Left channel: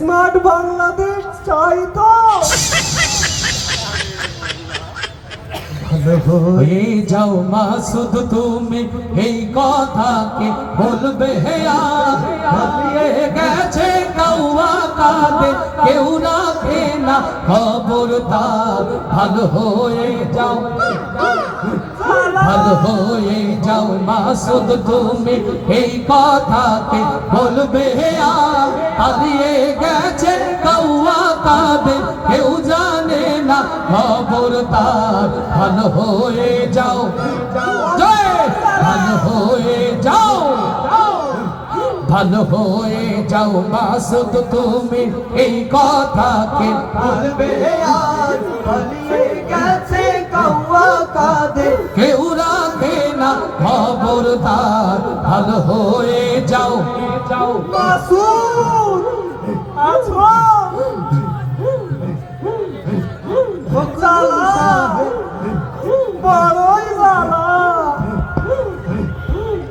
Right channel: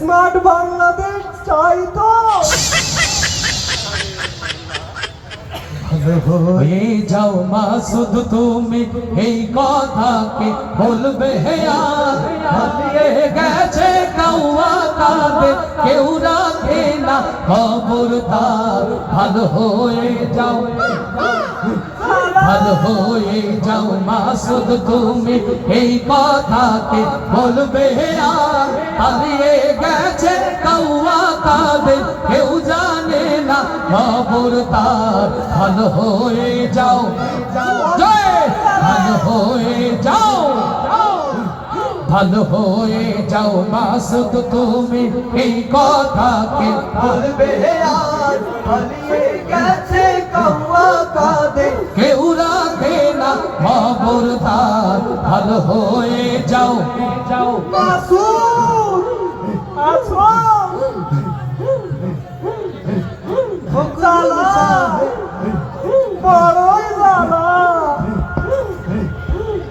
Smart Bangladesh চাই তো। হয়ে যাও মাসুদ তুমি এই কথাকে বলবে আর হারিয়ে গেছে কাউয়া কাঁদে কেউ রাখে না খবরদার ভালো হয়ে যাও ভালো হয়ে যাও মাসুদ তুমি এই কথাকে বলবে আর হারিয়ে গেছে কাউয়া কাঁদে কেউ জানে না খবরদার ভালো হয়ে যাও ভালো হয়ে যাও ভালো হয়ে যাও মাসুদ তুমি এই কথাকে বলবে আর হারিয়ে গেছে কাউয়া কাঁদে কেউ রাখে না খবরদার ভালো হয়ে যাও মাসুদ আছো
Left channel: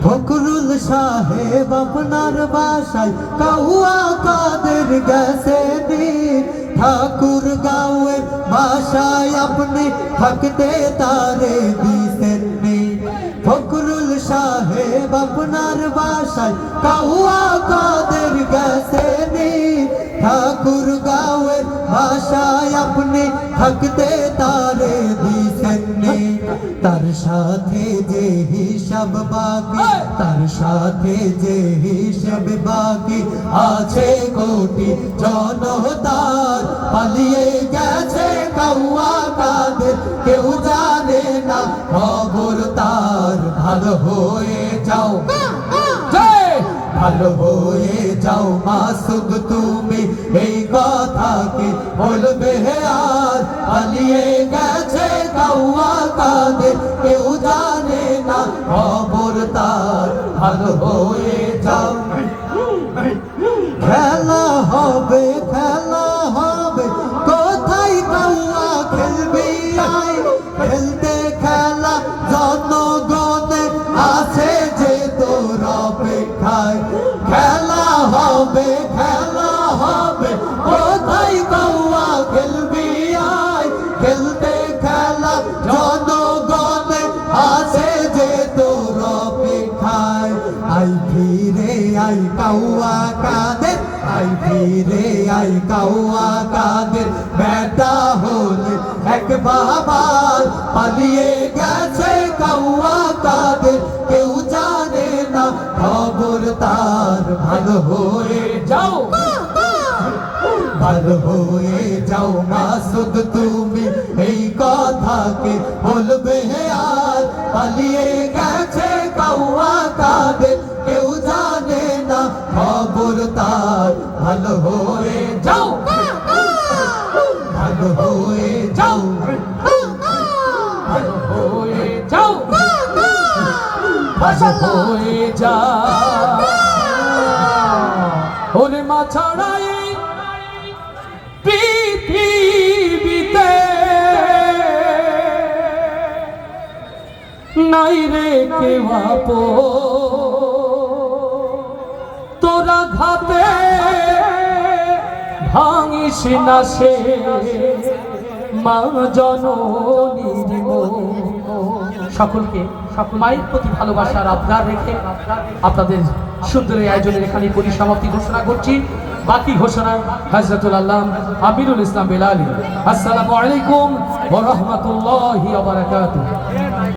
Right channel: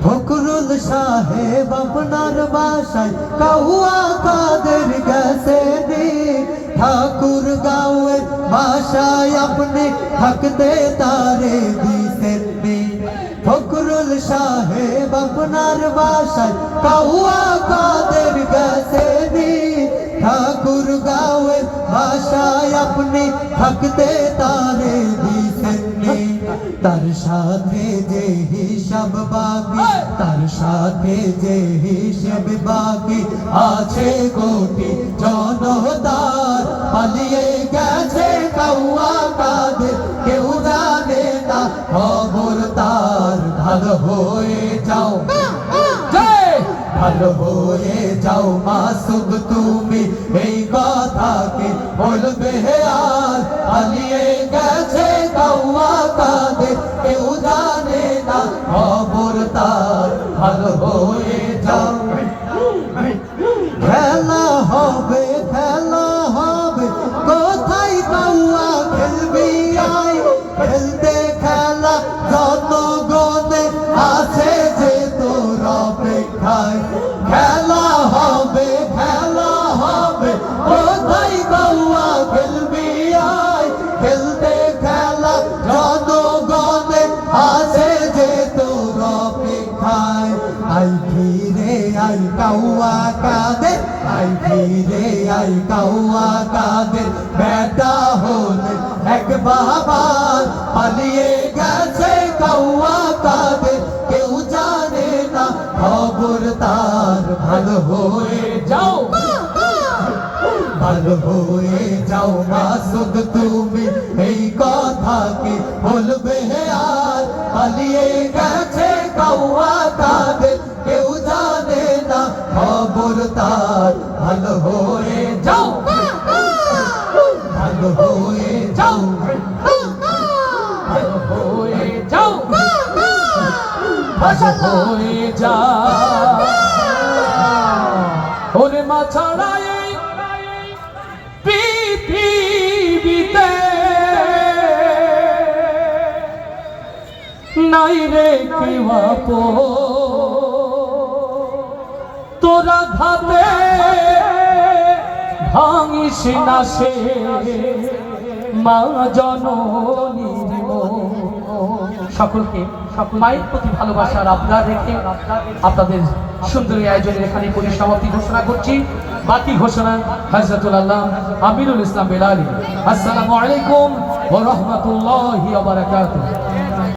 ফখরুল সাহেব আপনার বাসায় কাউয়া কাদের গেছে দিন ঠাকুর গাঁয়ের বাসায় আপনি থাকতে তারে দিছেন দিন ফখরুল সাহেব আপনার বাসায় কাউয়া কাদের গেছে দিন ঠাকুর গাঁয়ের বাসায় আপনি থাকতে তারে দিছেন দিন তার সাথে যে হিসাব বাকি তার সাথে যে হিসাব বাকি আছে কোটি জনতার পালিয়ে গেছে কাউয়া কাদের কেউ জানে না খবর তার ভালো হয়ে যাও ভালো হয়ে যাও মাসুদ তুমি এই কথাকে বলবে আর পালিয়ে গেছে কাউয়া কাদের কেউ জানে না খবর তার ভালো হয়ে যাও খেলা হবে কোথায় কাউয়া খেলবি আই খেলতে খেলা জনগণে আছে যে তোর অপেক্ষায় খেলা হবে কোথায় কাউয়া খেলবি আই খেলতে খেলা জনগণে আছে যে তোর অপেক্ষায় আই ফিরে আই কাউয়া কাদের আই ফিরে আই কাউয়া কাদের বেটা হলে এক বাবার পালিয়ে গেছে কাউয়া কাদের কেউ জানে না খবর তার ভালো হয়ে যাও ভালো হয়ে যাও মাসুদ তুমি এই কথাকে বলবে আর পালিয়ে গেছে কাউয়া কাদের কেউ জানে না খবর তার ভালো হয়ে যাও ভালো হয়ে যাও ভালো হয়ে যাও ভালো হয়ে যাও ওরে মা ছড়াই পৃথিবীতে নাই রে কেউ তোরা ঘাতে ভাঙিস না সে মা জননীর সকলকে মায়ের প্রতি ভালোবাসার আবদার রেখে আপনাদের সুন্দর এই আয়োজনের এখানে পরিসমাপ্তি ঘোষণা করছি বাকি ঘোষণা হযরতুল আল্লাহ আমিনুল ইসলাম বেলালী। আসসালামু আলাইকুম ওয়া রাহমাতুল্লাহি ওয়া বারাকাতুহু।